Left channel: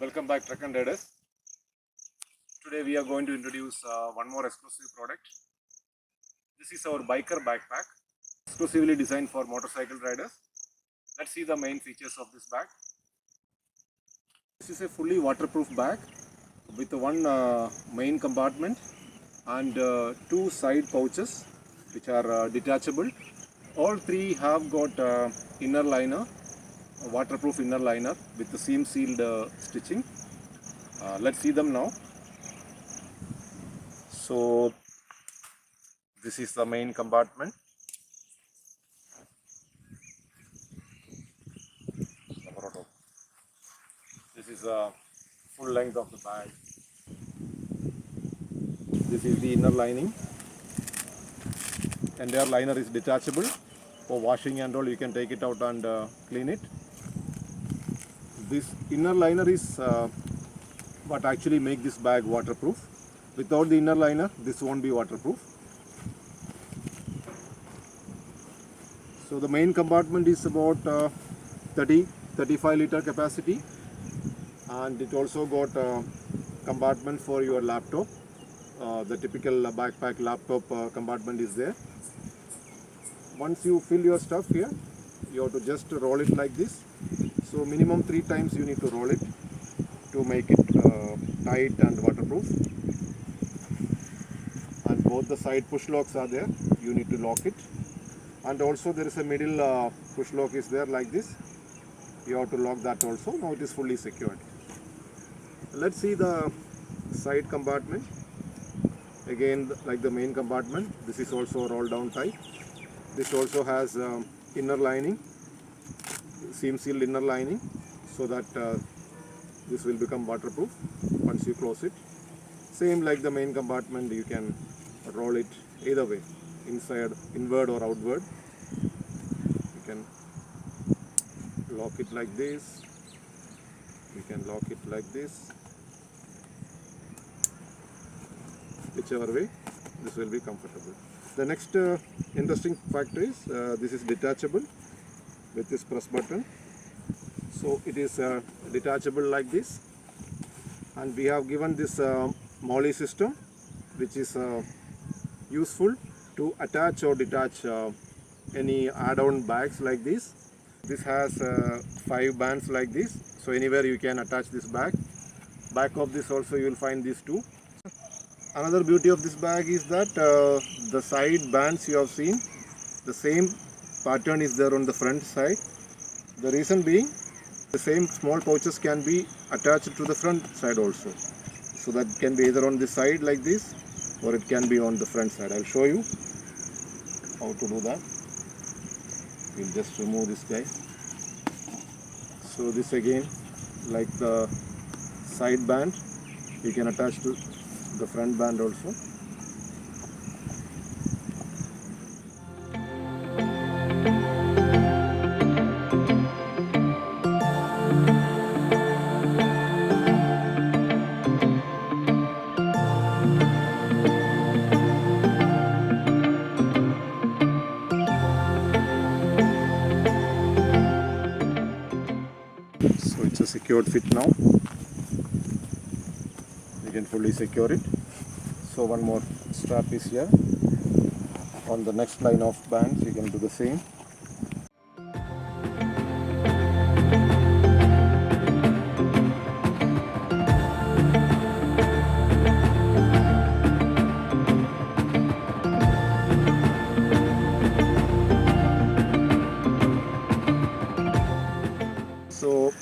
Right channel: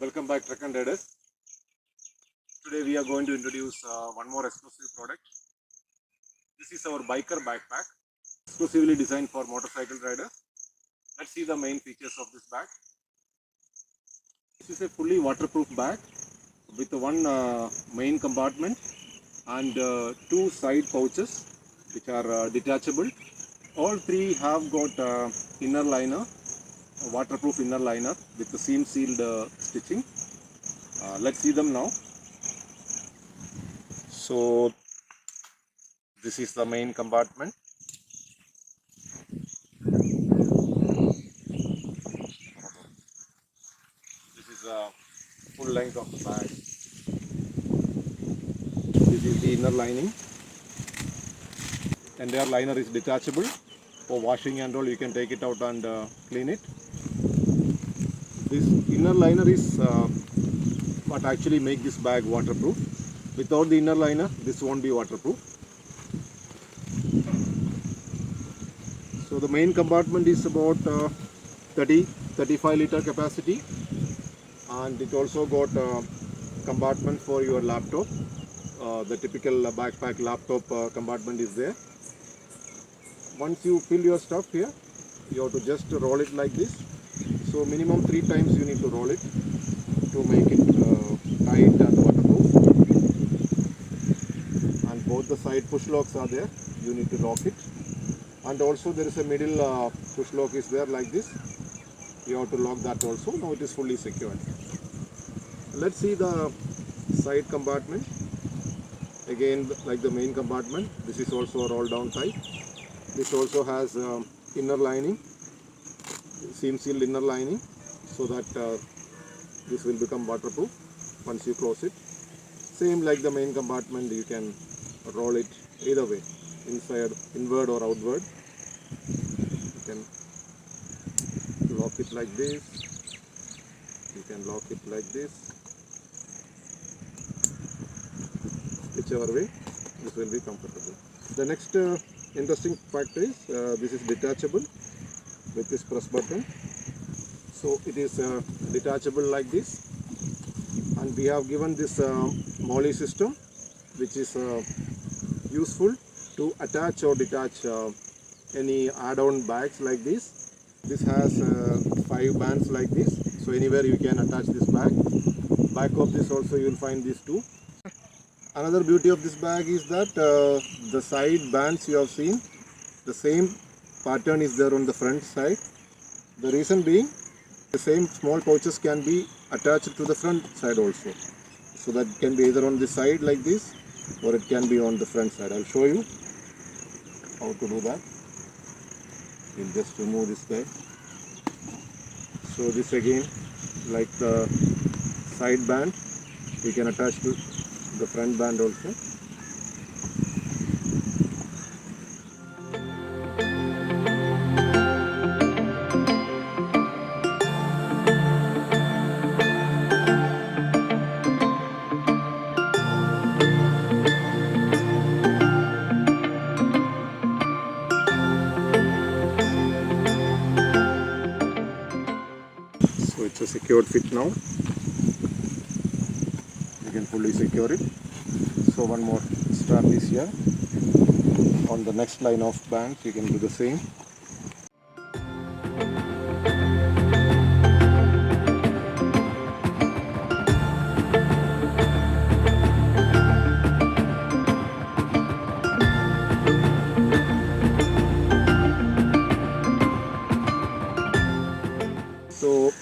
Welcome back, Truck and Riders. Today we are going to introduce one more exclusive product. This is our biker backpack, exclusively designed for motorcycle riders. Let's see the main features of this bag. This is a fully waterproof bag with one main compartment and two side pouches which are detachable. All three have got inner liner, a waterproof inner liner with the seam sealed stitching. Let's see them now. So this is the main compartment. This is the full length of the bag. This is the inner lining. Entire liner is detachable. For washing and all, you can take it out and clean it. This inner liner is what actually make this bag waterproof. Without the inner liner, this won't be waterproof. So the main compartment is about 35 liter capacity, and it also got a compartment for your laptop. The typical backpack laptop compartment is there. Once you fill your stuff here, you have to just roll it like this. So minimum 3 times you need to roll it to make it tight and waterproof. And both the side push locks are there. You need to lock it. And also there is a middle push lock is there like this. You have to lock that also. Now it is fully secured. Let's see the side compartment. Again, like the main compartment, this is also a roll down type. This also has inner lining, seam sealed inner lining, so that this will become waterproof once you close it. Same like the main compartment, you can roll it either way, inside, inward or outward. You can lock it like this, you can lock it like this. Whichever way, this will be comfortable. The next interesting factor is this is detachable with this press button. So it is detachable like this, and we have given this MOLLE system, which is useful to attach or detach any add-on bags like this. This has 5 bands like this, so anywhere you can attach this bag. Back of this also you will find these two. Another beauty of this bag is that the side bands you have seen, the same pattern is there on the front side. The reason being, the same small pouches can be attached to the front side also. So that can be either on the side like this, or it can be on the front side. I'll show you how to do that. We'll just remove this guy. So this again, like the side band, we can attach to the front band also. So it's a secured fit now. You can fully secure it. So one more strap is here. On the next line of band, you can do the same. So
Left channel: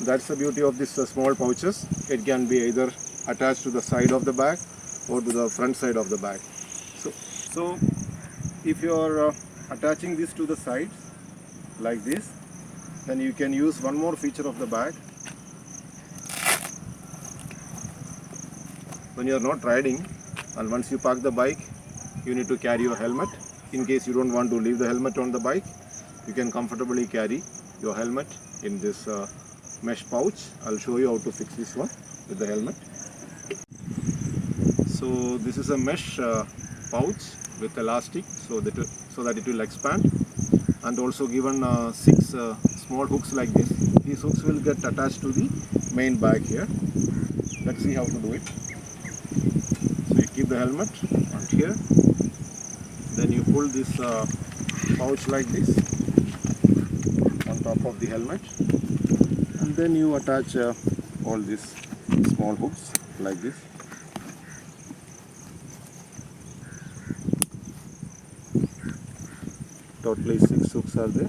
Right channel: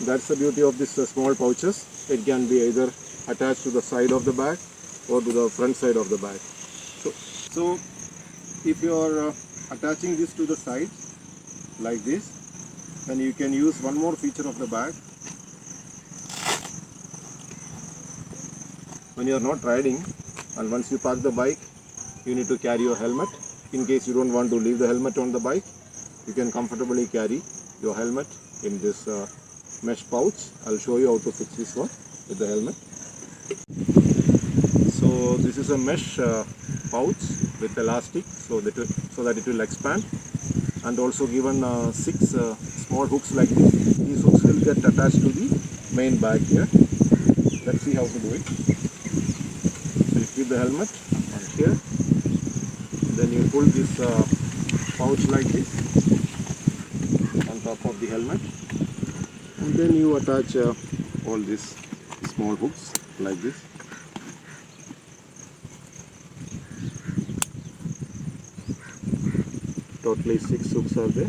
that's the beauty of this small pouches. It can be either attached to the side of the bag or to the front side of the bag. So if you are attaching this to the side like this, then you can use one more feature of the bag. When you are not riding, and once you park the bike, you need to carry your helmet. In case you don't want to leave the helmet on the bike, you can comfortably carry your helmet in this mesh pouch. I'll show you how to fix this one with the helmet. So this is a mesh pouch with elastic, so that it will expand. and also given 6 small hooks like this. These hooks will get attached to the main bag here. Let's see how to do it. So you keep the helmet on here, then you pull this pouch like this on top of the helmet, and then you attach all these small hooks like this. Totally 6 hooks are there.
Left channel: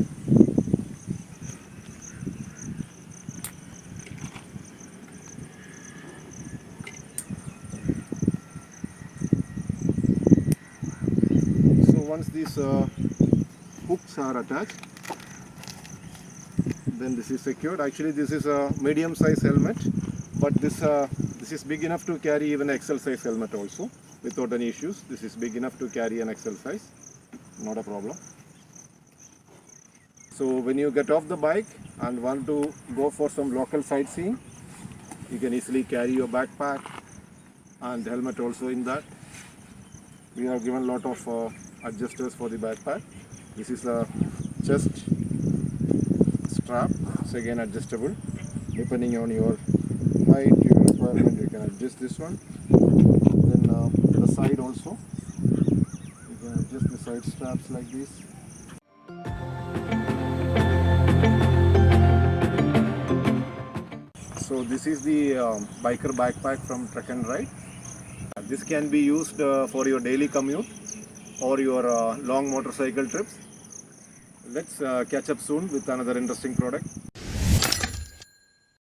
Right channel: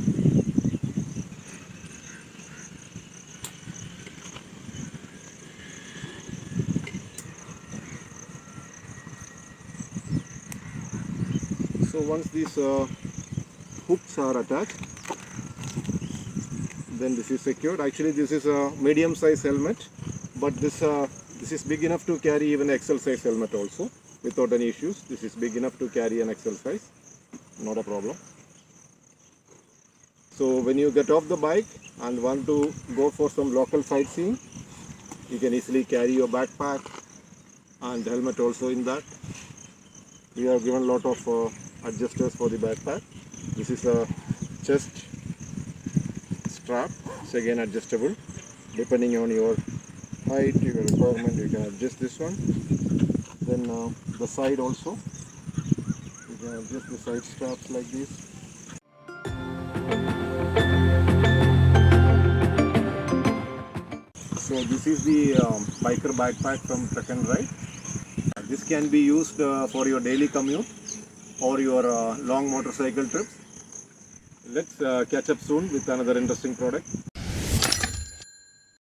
So once these hooks are attached, then this is secured. Actually this is a medium size helmet, but this is big enough to carry even XL size helmet also without any issues. This is big enough to carry an XL size, not a problem. So when you get off the bike and want to go for some local sightseeing, you can easily carry your backpack and helmet also in that. We have given a lot of adjusters for the backpack. This is a chest strap. It's again adjustable. Depending on your height, your requirement, you can adjust this one. Then the side also. You can adjust the side straps like this. So this is the biker backpack from Trek and Ride. This can be used for your daily commute or your long motorcycle trips. Let's catch up soon with another interesting product.